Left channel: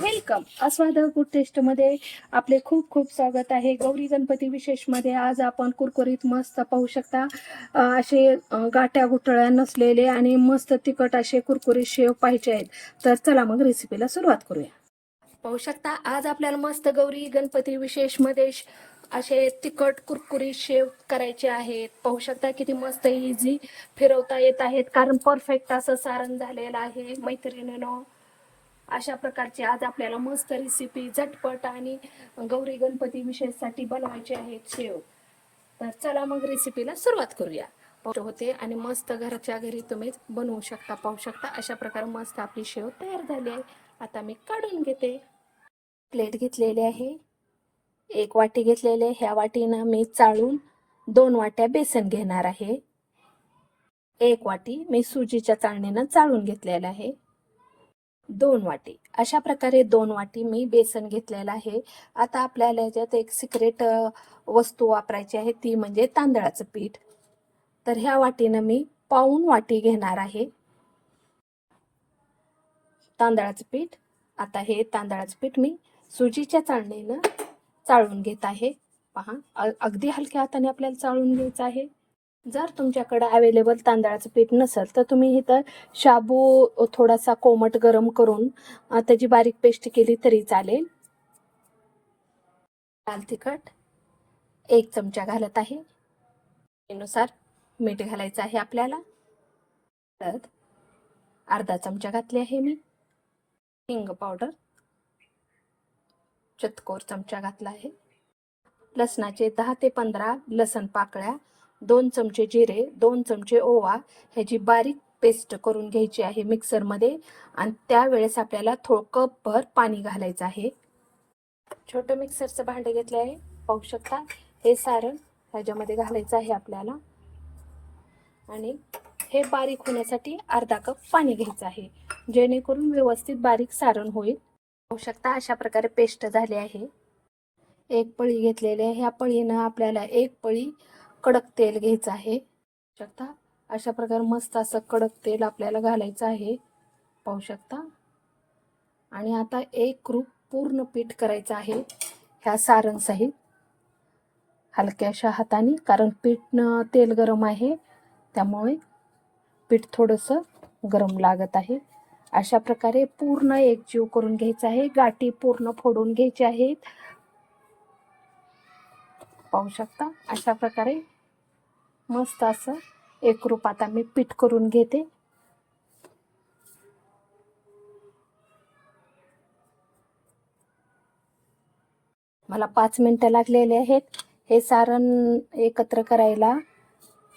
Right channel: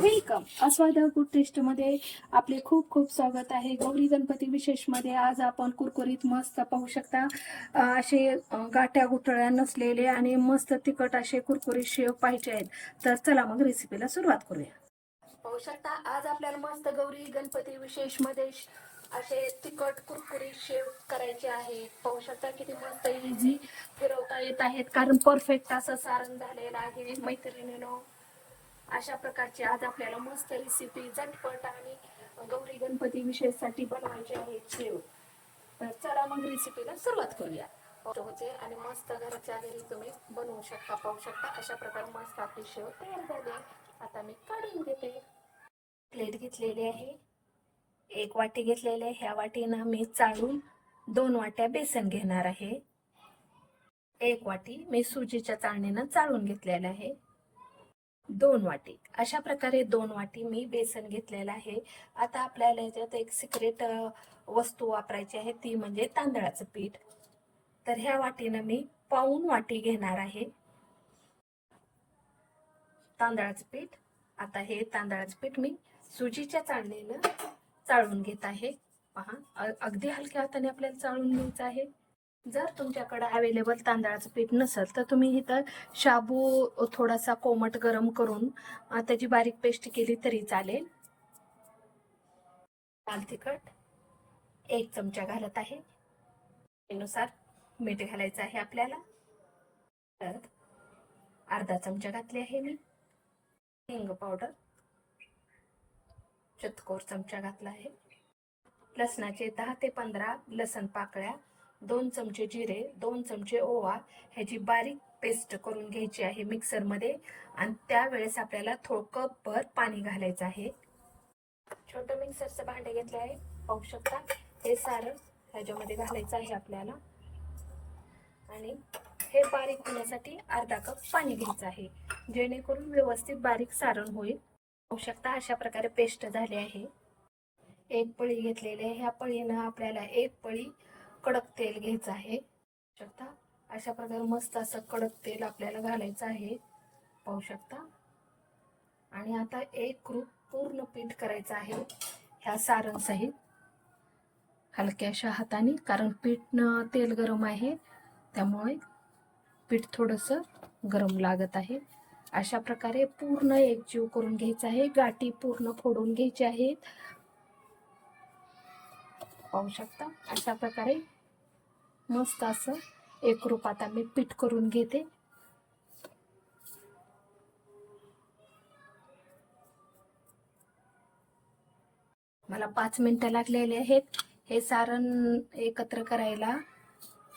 Welcome आस्वाद good टेस्टमध्ये आपले खूप खूप स्वागत आहे. गौरी गणपती विशेषमध्ये आज आपण कुरकुरीत मस्त पाहू शकता. असे गाठ्या गुठळ्या नसलेले आणि मस्त तिखट असे कुरकुरीत शेव पाहिजे आहेत. तर चला मग रेसिपीला सुरुवात करूया. पाहू शकता आज आपल्याला मस्त गौरी गणपती विशेषमध्ये श- असे तिखट कुरकुरीत शेव करायचे आहेत. पाहू शकता किती मस्त इझी फिरवता येत आहेत. कारण परफेक्ट असं सारण झालेलं आहे. मैत्रिणीनं. अशा प्रकारची आज आपल्याला मस्त रेसिपी झटपट आणि गौरी गणपती विशेषसाठी बनवायचे आहेत शेव. तर चला मग रेसिपीला सुरुवात करूया. होते आणि मस्त घरच्या घरी तुम्ही बनवू शकता पाहू शकता. अशा प्रकारे मस्त आपली शेव तयार झाली आहे. आता मी काढून घेते. प्लेट घेतलेली आहे. एक वाटी घेतलेली आहे. ह्या वाटीनं मी चाळून दोन वाट्या बेसन घेणार आहे. एक वाटी मी सुजीच्या चाळणीनं चाळून घेतलेलं आहे. दोन वाटी. अशा प्रकारे दोन वाटी मी बेसन घेतलेलं आहे. आता आपल्याला याच्यात एक सिक्रेट वस्तू वापरायची आहे. ती म्हणजे तांदळाचं पीठ. तर ह्या वाटीनं मी पाऊन वाटी घेणार आहे. तांदळाचं पीठ. आता हे तांदळाचं पीठ मी सुजीच्या चाळणीनं चाळून घेत आहे. पहा अ- अगदी हलक्या हाताने आपल्याला चाळून घ्यायचं आहे. जर तुमच्याकडं अवेलेबल तांदळाचं पीठ नसेल तर तुम्ही इथं शाबू थोडासा कोमट गरम करून त्याची बारीक पेस्ट केली तरी चालेल. लाल तिखट एक चमचा घालत आहे. त्यानुसार मीठ घालायचं आहे आपल्याला. हळद अर्धा चमचा घातली आहे मी. हिंग पावडर. चतकोर चमचा घातला आहे. लसणाचे दहा ते पंधरा लसण पाकळ्या. दोन चमचे जिरे दोन चमचे ओवा ह्याची बारीक पेस्ट करून घ्यायची आहे मिक्सरमध्ये आणि त्यावेळेस आपल्याला थोडं कपभर पाणी घालायचं आहे. छोटं मिक्सरचं भांडे घेतलं आहे. पाहू शकता हे सारण ह्याच्यामध्ये घालायचं आहे आपल्याला. आणि हे बारीक होण्यासाठी अर्धा कप पाणी घ्यायचं आहे जेणेकरून व्यवस्थित बारीक सारण होईल. पाहू शकता अशा प्रकारे पेस्ट झाली आहे. एक पळी घेतलेली आहे. ह्या पळीनं आपल्याला एक पळी कडक तेल घ्यायचं आहे. शकता? अशा प्रकारे मस्त असं कडक तेल आपल्याला घालायचं आहे. पाहू शकता? आणि आता एक रूप पूर्ण पीठ करायचं आहे. ह्या सारणसहित हलक्याशा हाताने कारण पीठनं तेल गरम आहे. त्यामुळे पीठ थोडंसं गरम लागत आहे. अशा प्रकारे पूर्ण एकजीव करून घ्यायचं आहे. गाठी पूर्ण फोडून घ्यायची आहेत. पाहू शकता. अशा प्रकारे मस्त असं एक रूप आता मी पीठ करून घेते. मला पाच मिनटं लागलेले आहेत. हे सारण एकत्र करायला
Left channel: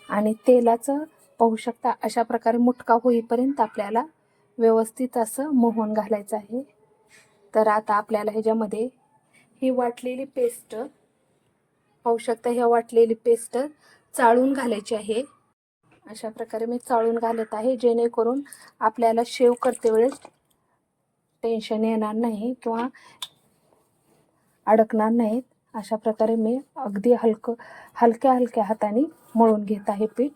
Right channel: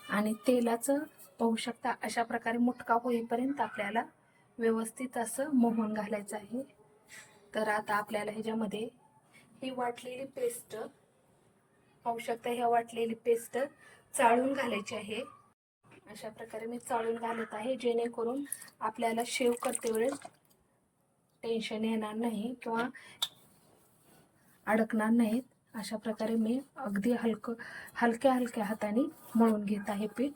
आणि तेलाचं पाहू शकता अशा प्रकारे मुटका होईपर्यंत आपल्याला व्यवस्थित असं मोहन घालायचं आहे. तर आता आपल्याला ह्याच्यामध्ये ही वाटलेली पेस्ट पाहू शकता ह्या वाटलेली पेस्ट चाळून घालायची आहे. अशा प्रकारे मी चाळून घालत आहे जेणेकरून आपल्याला शेव करते वेळेस टेन्शन येणार नाही किंवा अडकणार नाहीत. अशा प्रकारे मी अगदी हलकं हलक्या हलक्या हाताने मळून घेत आहे पीठ.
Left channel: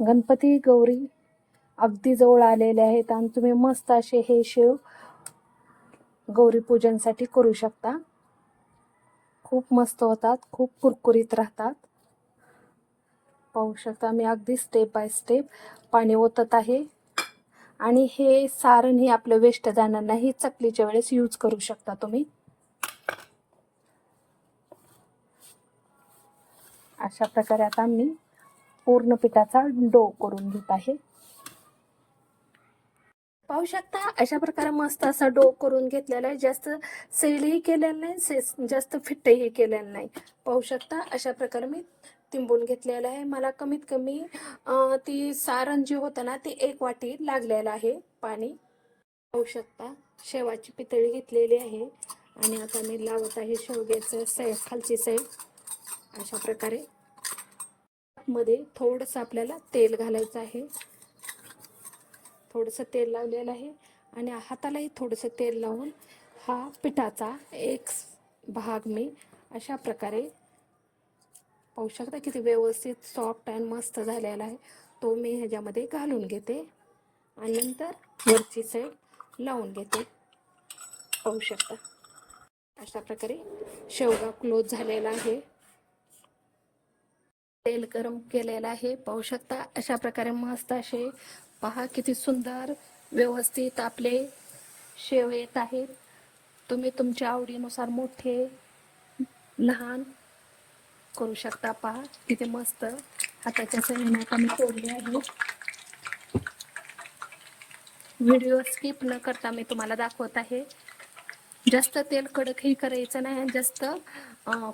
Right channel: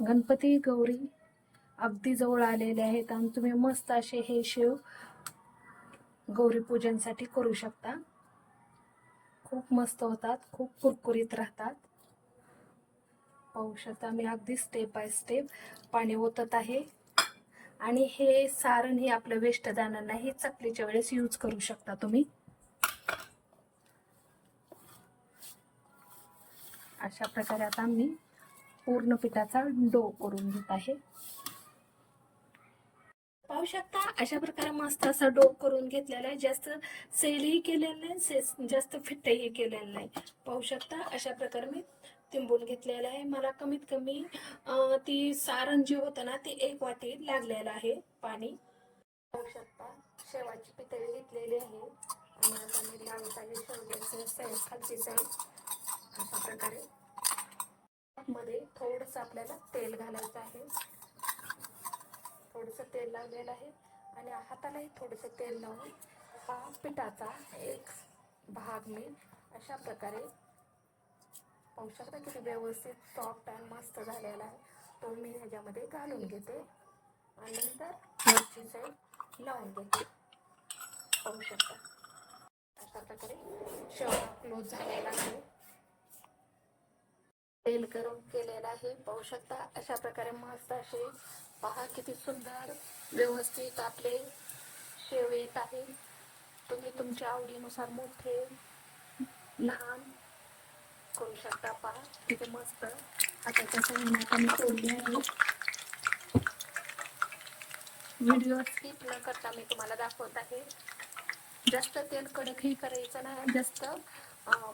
गणपती गौरी अगदी जवळ आलेले आहेत आणि तुम्ही मस्त असे हे शेव गौरी पूजनसाठी करू शकता. खूप मस्त होतात खूप कुरकुरीत राहतात. पाहू शकता मी अगदी स्टेप बाय स्टेप पाणी ओतत आहे. आणि हे सारण हे आपलं वेस्ट जाणार नाही चकलीच्या वेळेस यूज करू शकता तुम्ही. अशा प्रकारे आता मी पूर्ण पिठाचा डो करून घेत आहे. पाहू शकता. अशा प्रकारे मस्त असा डो करून घेतलेला आहे. जास्त सैलही केलेलं नाही से जास्त फिट्टही केलेलं नाही. पाहू शकता. अशा प्रकारे मी तिंबून घेतलेलं आहे. मला कमीत कमी ती सारण जी होतं ना ते एक वाटी लागलेलं आहे पाणी. पाहू शकता. शेवाची पितळी घेतलेली आहे. आणि आता मी लावत आहे शेवग्याचं साईड खालची साईड अशा प्रकारे. मध्ये थोडंसं आपल्याला तेल घालायचं आहे. थोडंसं तेल लावलेलं आहे आणि हातालाही थोडंसं तेल लावून हा पिठाचा एक भाग मी अशा प्रकारे पाहू शकता किती व्यवस्थित सॉफ्ट आणि मस्त झालेला आहे. तो मी ह्याच्यामध्ये घालून घेते आणि नंतर वरची साईड लावून घेते. पाहू शकता. अशा प्रकारे शेवगा क्लोज झालेला आहे. तेल गरम केलेलं आहे. पाहू शकता अशा प्रकारे मस्त असे पहा किती सुंदर व्यवस्थित आपले शेव येत आहे. तुम्ही तुमच्या आवडीनुसार मोठे लहान करू शकता पहा किती मस्त. हाताच्या सरीने तोडले आहे. व्हिडिओ स्किप न करता मी तुम्हाला दाखवत आहे. जास्त तेल कडकही करायचं नाही जास्त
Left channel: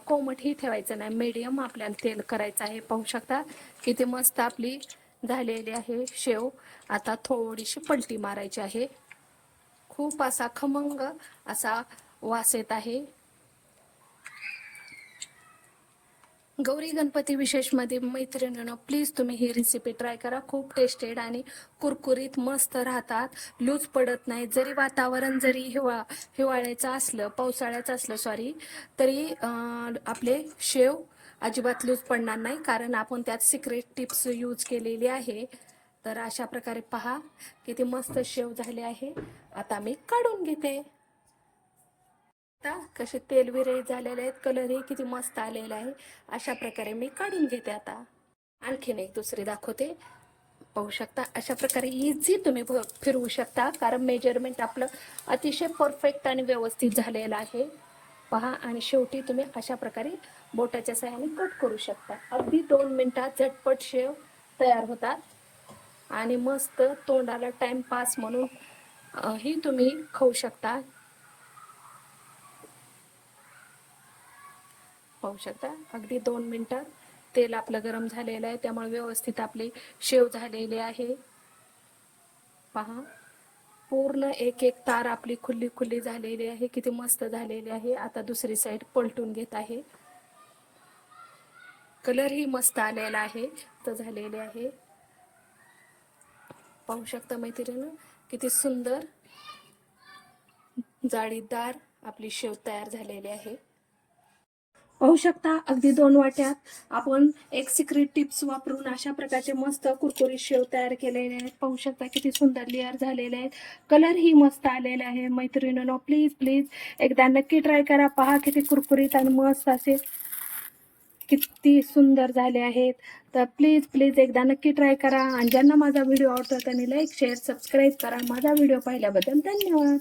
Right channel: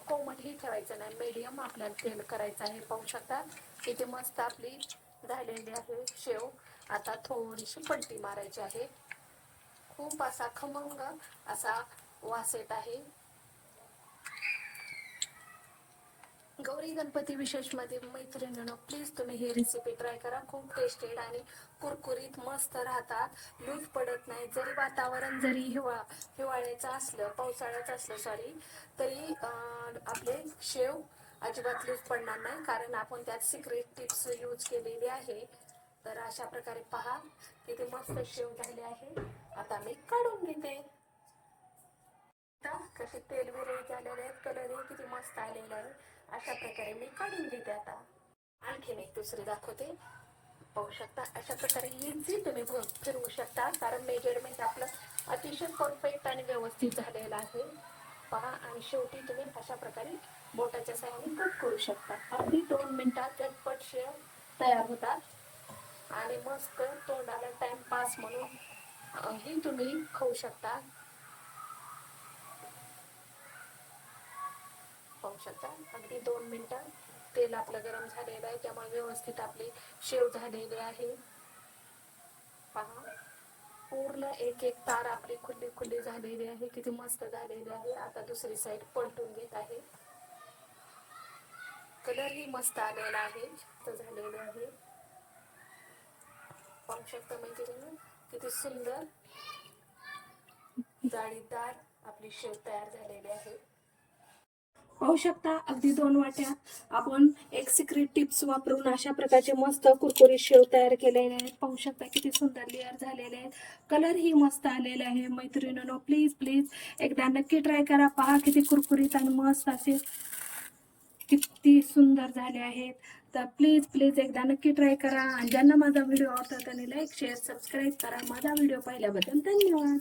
कोमटही ठेवायचं नाही. मीडियम आपल्याला तेल करायचं आहे. पाहू शकता किती मस्त आपली झालेली आहे शेव. आता थोडीशी पलटी मारायची आहे. खूप असा खमंग असा वास येत आहे. गौरी गणपती विशेषमध्ये मैत्रिणीनं प्लीज तुम्ही ही रेसिपी ट्राय करा. खूप टेस्टेड आणि कुरकुरीत मस्त राहतात. लूज पडत नाही. जरी वातावरण जरी हिवा हिवाळ्याचं असलं पावसाळ्याचं असलं सॉरी तरी अं, आपले शेव अजिबात लूज पडणार नाही. कारण आपण त्यात सिक्रेट टिप्स यूज केलेली आहे. तर अशा प्रकारे पहा किती मस्त शेव झाले आहे. आता मी काढून घेते. आता कसे तेलविरे झालेले आहेत कलरही किती मस्त आलेला आहे. अशा प्रकारे मी काढून घेते आता. आणखीन एक दुसरी दाखवते. पाहू शकता अशा प्रकारे इझी तुम्ही फिरवू शकता कारण मेजरमेंट आपलं अतिशय परफेक्ट आणि व्यवस्थित झालेलं आहे. पहा आणि शेवटी तुम्ही अशा प्रकारे बोटाच्या सहाय्याने कट करू शकता. अगदी दोन मिनिटात झटपट शेव तयार होतात. आणि मस्त तोंडाला टाइमपास म्हणून ही तुम्ही खाऊ शकता. पाहू शकता. अगदी दोन मिनटात तेल आपलं गरम झालेलं आहे. त्यामुळे व्यवस्थित आपले शेव झालेली आहे. पहा. पूर्ण एक एक तार आपली खुल्ली खुल्ली झालेली आहे. किती मस्त झालेली आहे. आता दुसरी साईड पलटून घेत आहे. कलरही मस्त आलेला आहे. तर झालेले आहे. पाहू शकता मैत्रिणी किती सुंदर जाळीदार आपली शेव तयार झालेली आहे. पाहू शकता अगदी दोन वाट्यात आपण एक सिक्रेट टिप्स वापरून अशा प्रकारचे मस्त कुरकुरीत शेव तयार केलेले आहेत. पाहू शकता किती सुंदर लेअर झालेले आहेत. कलर ही मस्त आलेला आहे. मैत्रिणीनो प्लीज प्लीज एकदा नक्की ट्राय करा. पहा किती कुरकुरीत आणि मस्त असे किती सुंदर झाले आहेत. तर प्लीज प्लीज एकदा नक्की ट्राय करा. आणि ज्यांना माझा व्हिडिओ आवडतो त्यांनी लाईक शेअर सबस्क्राईब करा. माझा व्हिडिओ पाहिल्याबद्दल धन्यवाद.